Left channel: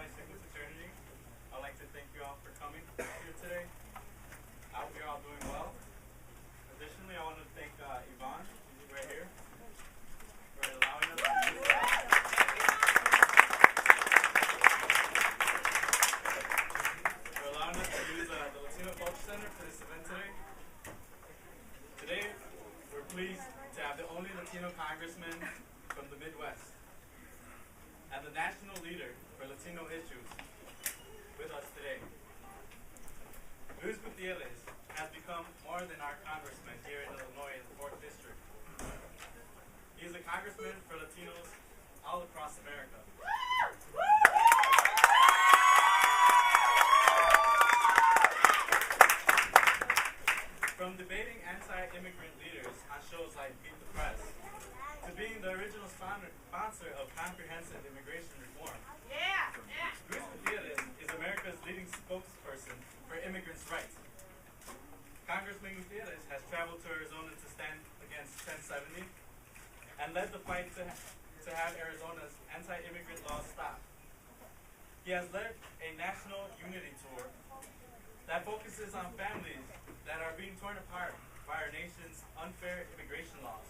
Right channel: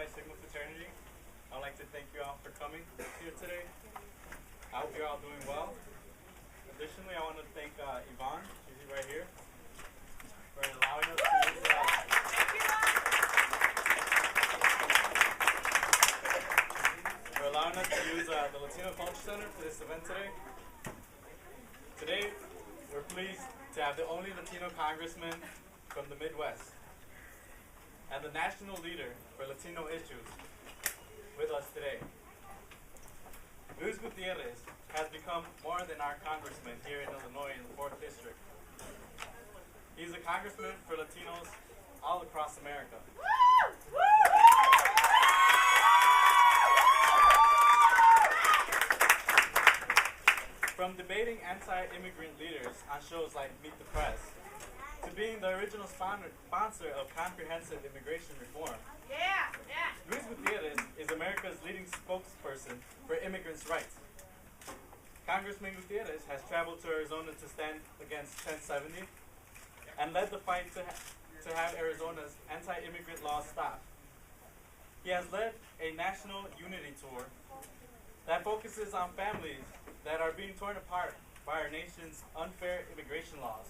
Phi Sigma fraternity. I'd like to thank you all for coming here today. I hope you're all doing well. Additionally, I want to thank Yvonne, she's right here, for allowing us to use the Latino Culture Center for this event today. Today, we're pleased to have the only Latino congressman from the Midwest and the national leader for Latino issues with us today. Luis Gutierrez has become more than our congressman here in Illinois in the 4th District. He's a congressman for Latinos all across America. From debating anti-immigrant leaders on shows like Meet the Press, to being the original sponsor of comprehensive immigration reform. Luis Gutierrez is America's leading spokesperson for immigrants' rights. Congressman Gutierrez has traveled to Arizona to stand against 1070 and led the fight to have Arizona's anti-immigrant laws stopped. He has led a national unity tour that focuses on families that are being torn apart by our nation's unfair immigration laws.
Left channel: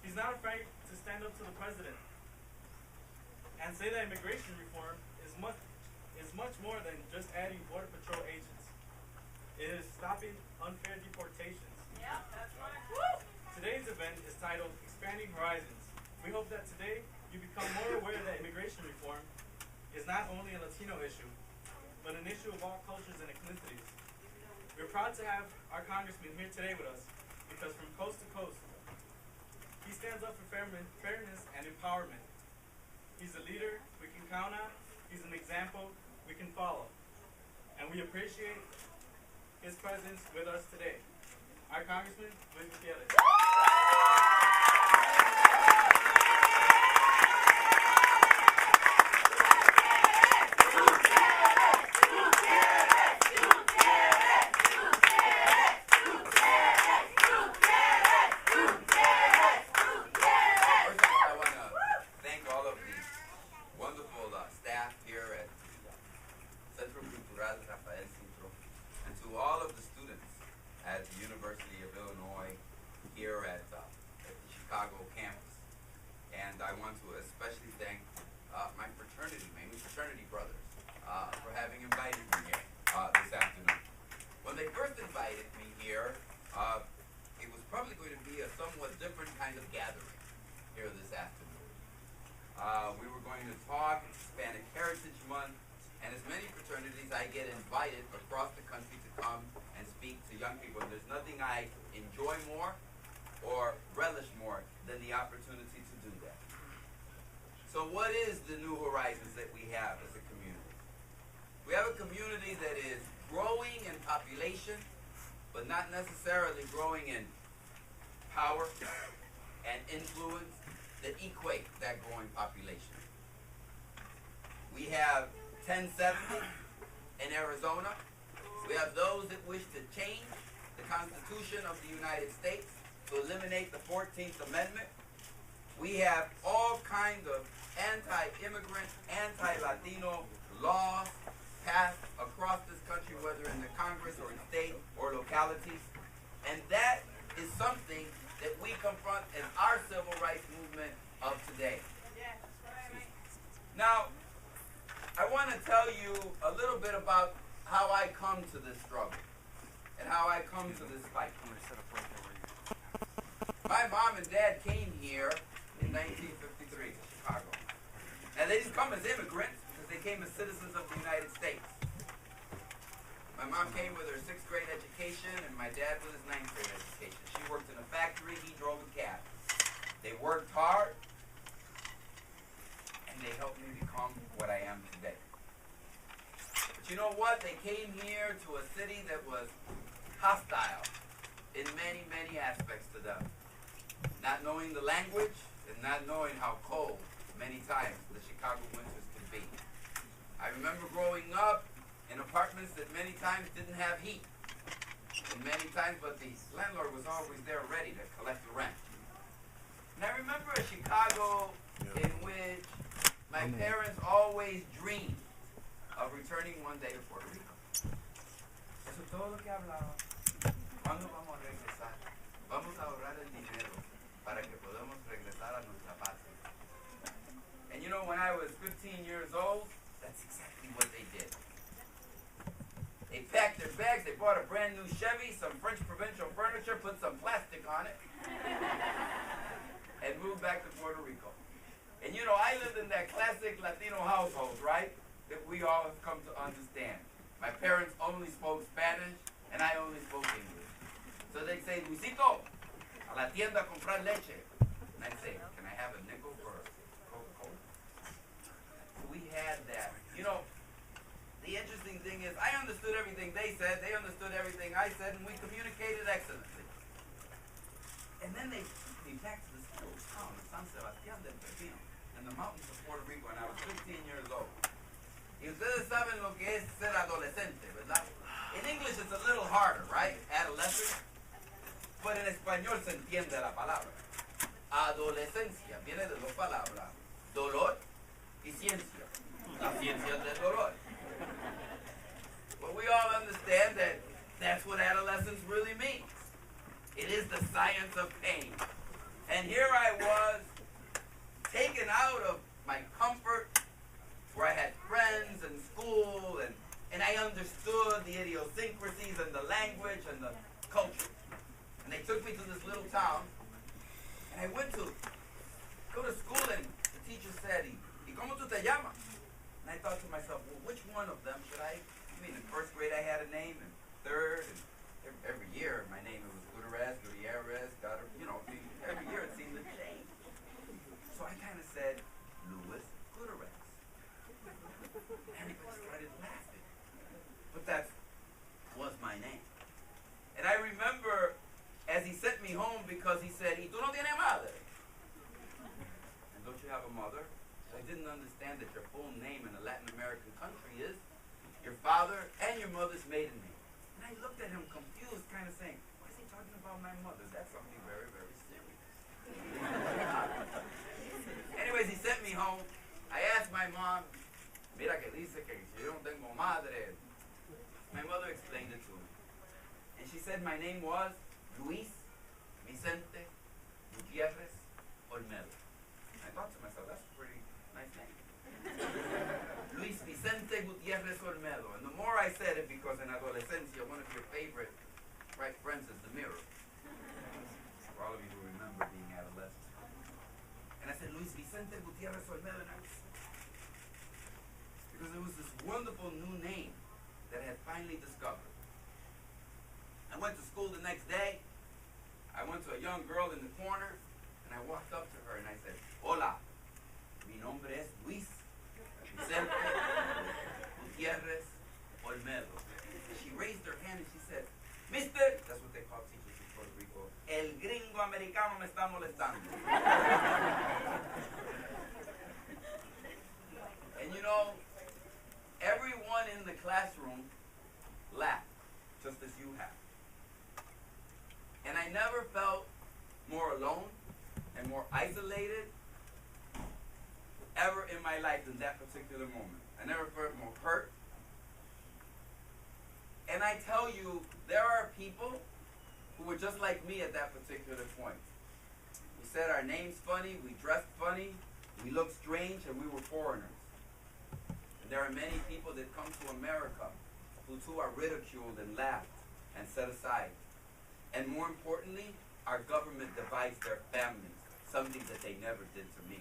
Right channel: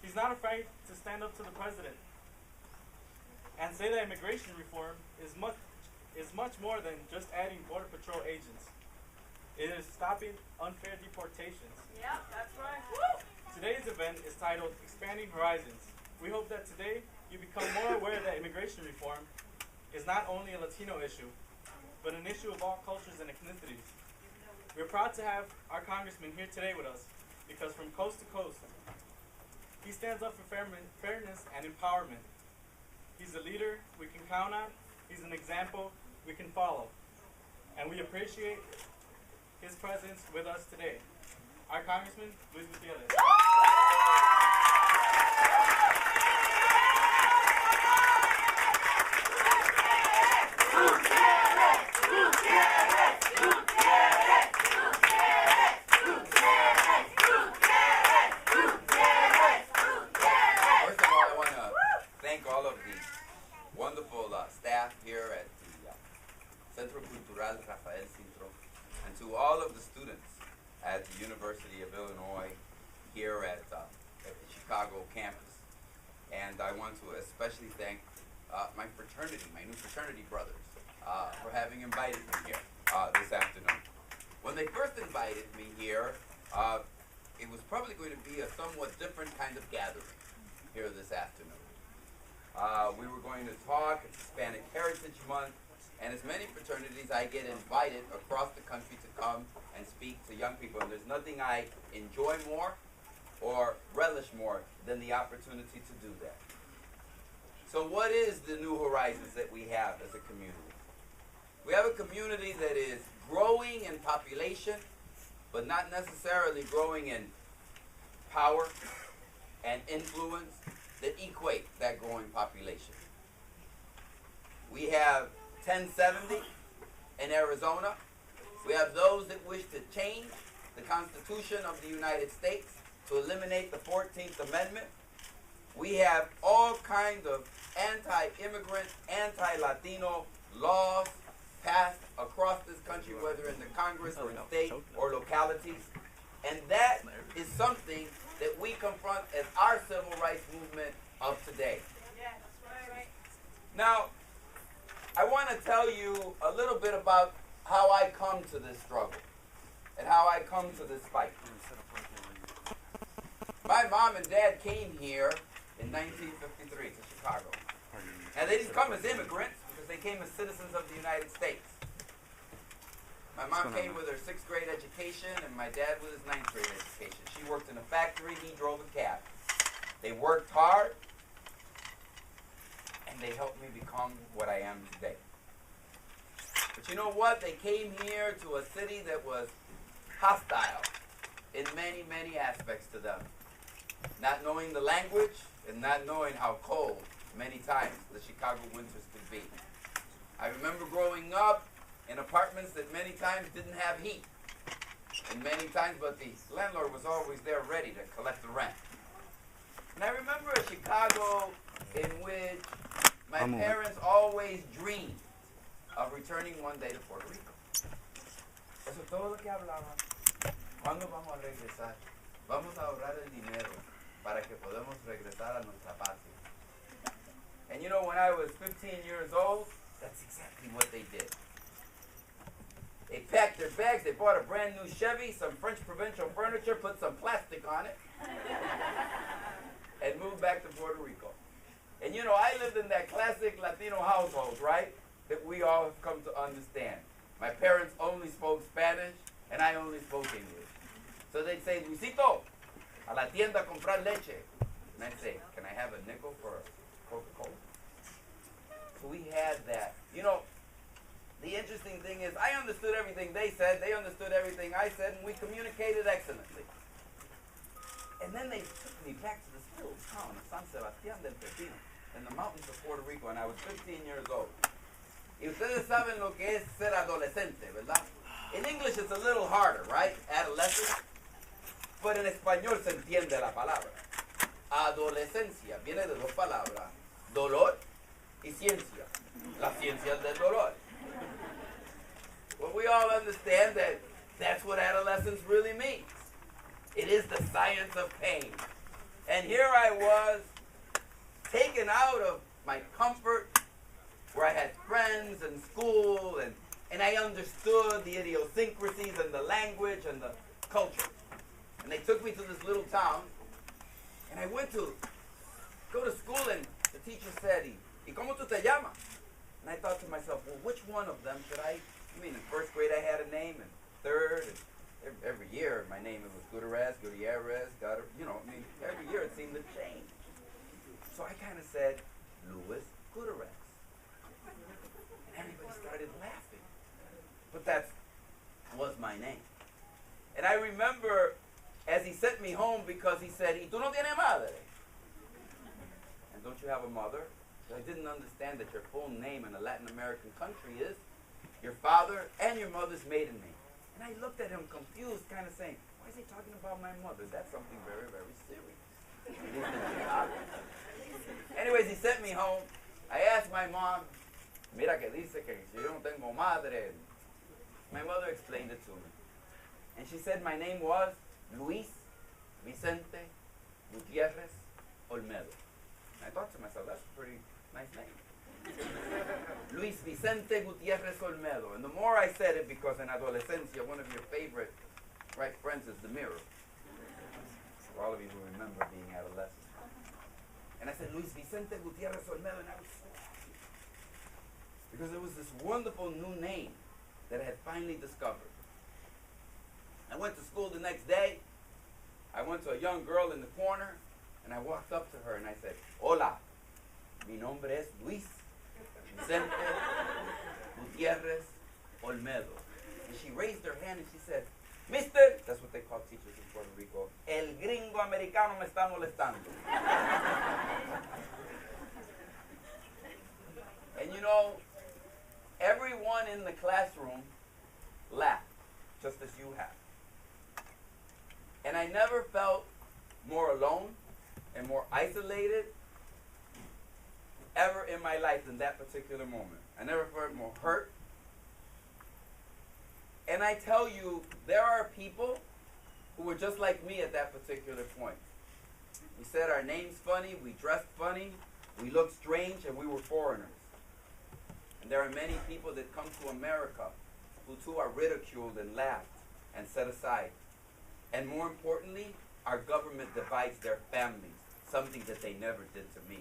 He's not afraid to stand up to the president and say that immigration reform is much more than just adding Border Patrol agents. It is stopping unfair deportations. Yeah, that's right. Woo! Today's event is titled Expanding Horizons. We hope that today you become more aware that immigration reform is not only a Latino issue, but an issue of all cultures and ethnicities. We're proud to have our congressman here today with us because from coast to coast, he stands up for fairness and empowerment. He's a leader we can count on. He's an example we can follow. And we appreciate his presence with us today. Our Congressman, Luis Gutierrez. At the University of Illinois here at the Chicago campus. And I want to especially thank my new fraternity brothers for having invited me here this afternoon. When they first invited me here, it was probably going to be a somewhat different kind of gathering here this afternoon. We were going to talk, it's Hispanic Heritage Month, and as many fraternities, I get invited across the country to come and speak to young people. And there's nothing I enjoy more or relish more than the opportunity to do that. So what is the new horizons that we have as a community? We have a community that is growing in population, but not necessarily growing in power and influence that equate that growing population. We have 1070 in Arizona. We have those that wish to change the Constitution of the United States to eliminate the 14th Amendment. We have all kinds of anti-immigrant, anti-Latino laws passed across this country, whether in the Congress or in state or localities. And that is something that we confront as our civil rights movement of today. Now, I want to tell you a little bit about how I come to this struggle and how I come to this fight. My mom and dad came here in 1953 to Chicago. And they didn't come as immigrants because they came as citizens of the United States. My mom came with her 6th grade education and my dad with his 9th grade education. She worked in a factory, he drove a cab. They worked hard and they helped me become what I am today. But you know what? They came here to a city that was hostile in many, many aspects to them. Not knowing the language and not knowing how cold many times the Chicago winters could be. I remember growing up in apartments that many times didn't have heat. And many times, but the landlord was always there ready to collect the rent. And I remember a Chicago in which My parents always dreamed of returning one day to Puerto Rico. Eso es todo lo que hablaba. ¿Cuándo vamos a regresar? Vamos a ahorrar el dinero para que podamos regresar a nuestra patria. And you know, when I was 15 years old, that's exactly what they did. They packed their bags, they bought a brand new Chevy, some French provincial furniture, put some plastic on it, and moved back to Puerto Rico. And you know, I lived in that classic Latino household, right? That we all have come to understand. My parents only spoke Spanish, and I only spoke English. So they'd say, Luisito, a la tienda a comprar leche. And I'd say, can I have a nickel for a Coca-Cola? So we had that. You know, the interesting thing is, I understood everything they said, they understood everything I said, and we communicated excellently. And then they took me back to this little town of San Sebastián del Pepino, in the mountains of Puerto Rico, and I was 15 years old. Y ustedes saben lo que es ser adolescente, ¿verdad? In English it's a little harder, right? Adolescent. But en español se entiende la palabra. Adolescencia viene de dos palabras, dolor y ciencia. La ciencia del dolor. Well, we all understand that that's what adolescence really means. It is the science of pain. And here I was, taken out of my comfort, where I had friends and school, and I understood the idiosyncrasies and the language and the culture. And they took me to this little town, and I went to go to school, and the teacher said, ¿Y cómo tú te llamas? And I thought to myself, well, which one of them should I mean, in first grade I had a name, and third, and every year my name, it was Gutierrez, you know, I mean, every year it seemed to change. So I kind of said, Louis Gutierrez. Everybody started laughing. But that was my name. And I remember as he sent me home, because he said, ¿Y tú no tienes madre? And don't you have a mother? I didn't understand that your full name in a Latin American country is your father and your mother's maiden name. And I looked at him confused, kind of saying, why is he talking about my mother? That's something very, very serious. Anyways, he sent me home. I asked my mom, mira que dice que si yo no tengo madre. My mother explained it to me. And she said my name was Luis Vicente Gutierrez Olmedo. I thought to myself, that's a pretty nice name. Luis Vicente Gutierrez Olmedo. And the more I said it, because in adolescencia, one of your favorite friends is the mirror. For all of you who remember being adolescent. And I said, Luis Vicente Gutierrez Olmedo, and I was so happy. Because it was this wonderful new name that I had finally discovered. I went to school the next day. I went to a young girl in the corner, and I walked up to her and I said, Hola, mi nombre es Luis Vicente Gutierrez Olmedo. And she raised her hand and she said, Mister, that's what they call teachers in Puerto Rico, el gringo americano me está molestando. And you know, everyone in the classroom laughed, just as you have. And I never felt more alone and more isolated ever in my life than that particular moment. I never felt more hurt. And I tell you, there are people who were just like me at that particular point. We said our names funny, we dressed funny, we looked strange, and we were foreigners. And there are many people that come to America who too are ridiculed and laughed and set aside. And more importantly, our government divides their families, something that they never did to me.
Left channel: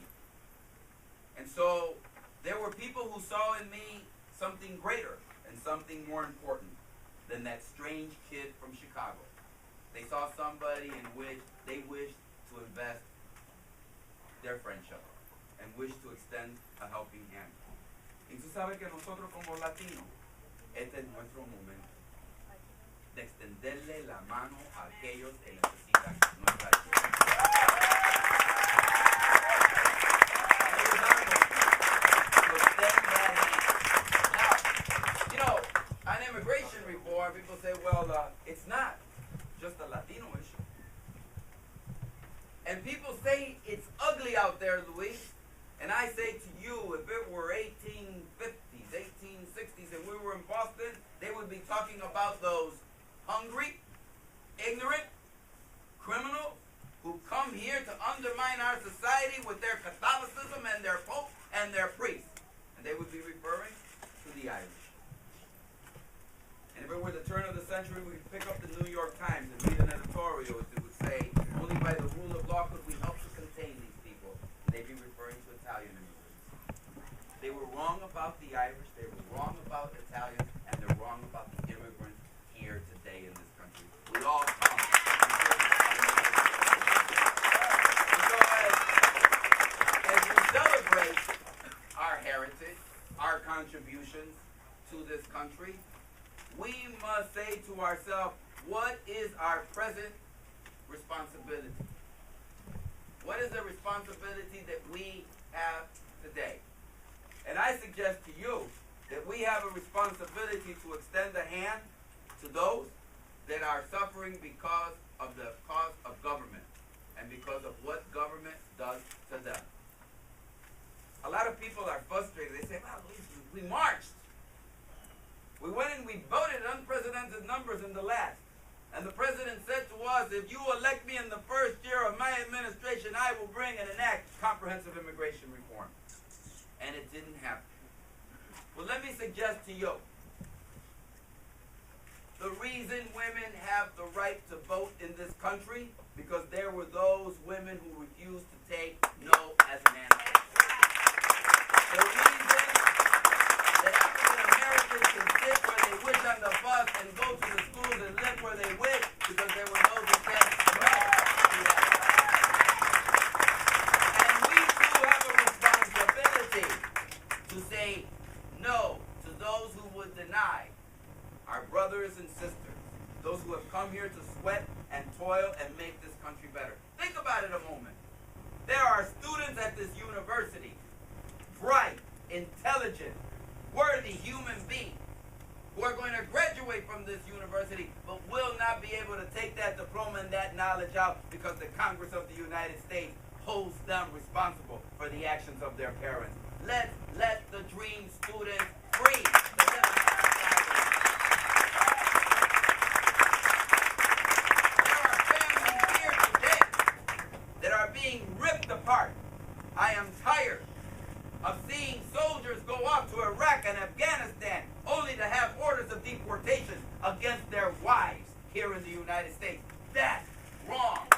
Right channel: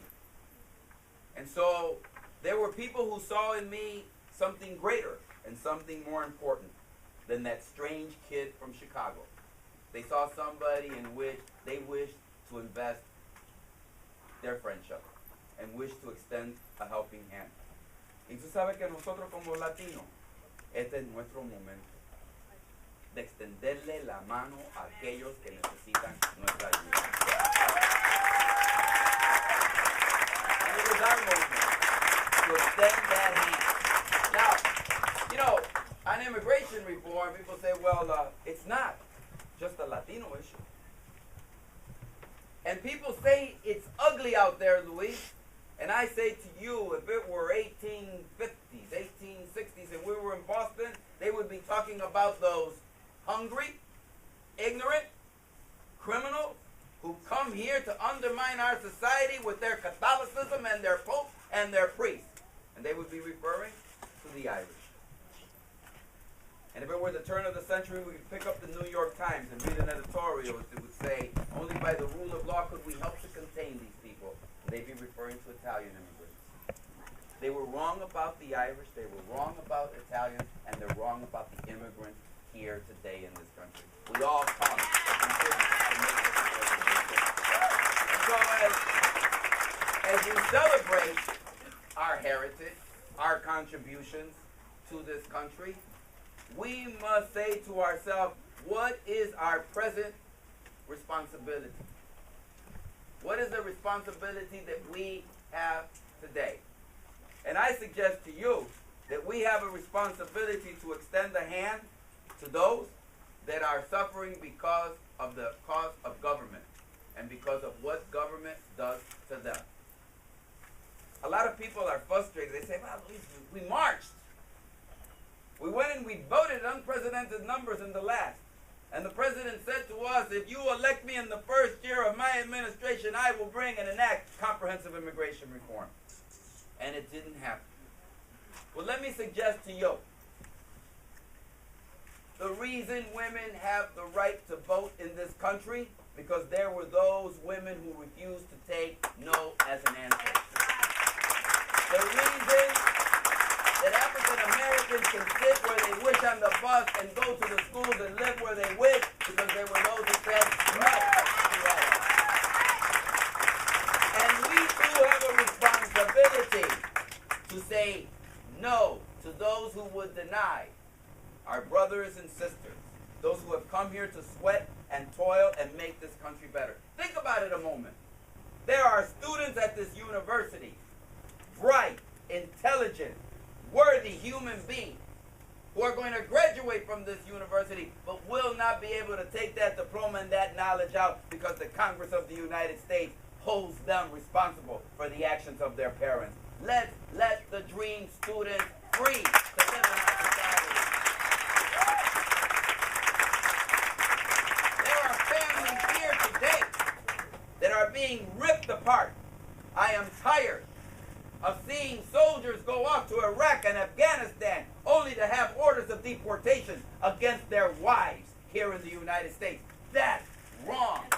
And so there were people who saw in me something greater and something more important than that strange kid from Chicago. They saw somebody in which they wished to invest their friendship and wished to extend a helping hand. Y tú sabes que nosotros como latinos, este es nuestro momento de extenderle la mano a aquellos que necesitan nuestra ayuda. It is our moment to extend that hand. Now, you know, on immigration reform, people say, well, it's not just a Latino issue. And people say it's ugly out there, Luis. And I say to you, if it were 1850s, 1860s, and we were in Boston, they would be talking about those hungry, ignorant criminals who come here to undermine our society with their Catholicism and their Pope and their priests. And they would be referring to the Irish. And if it were the turn of the century, we could pick up the New York Times and read an editorial that would say, only by the rule of law could we help to contain these people. And they'd be referring to Italian immigrants. They were wrong about the Irish, they were wrong about Italians, and they're wrong about the immigrants here today in this country. We all come. So as we celebrate our heritage, our contributions to this country, we must say to ourselves, what is our present responsibility? What is the responsibility that we have today? And I suggest to you that we have a responsibility to extend a hand to those that are suffering because of the cause of government and because of what government does to them. A lot of people are frustrated. They say, well, we marched. We went and we voted unprecedented numbers in the last. And the president said to us, if you elect me in the first year of my administration, I will bring and enact comprehensive immigration reform. And it didn't happen. Well, let me suggest to you, the reason women have the right to vote in this country, because there were those women who refused to take no as an answer. The reason that African Americans can sit where they wish on the bus and go to the schools and live where they wish, because there were those who said no. And we too have a responsibility to say no to those who would deny our brothers and sisters, those who have come here to sweat and toil and make this country better. Think about it a moment. There are students at this university, bright, intelligent, worthy human beings, who are going to graduate from this university but will not be able to take that diploma and that knowledge out because the Congress of the United States holds them responsible for the actions of their parents. Let's let the dream students free to live in our society. There are families here today that are being ripped apart. I am tired of seeing soldiers go off to Iraq and Afghanistan only to have orders of deportation against their wives here in the United States. That's wrong.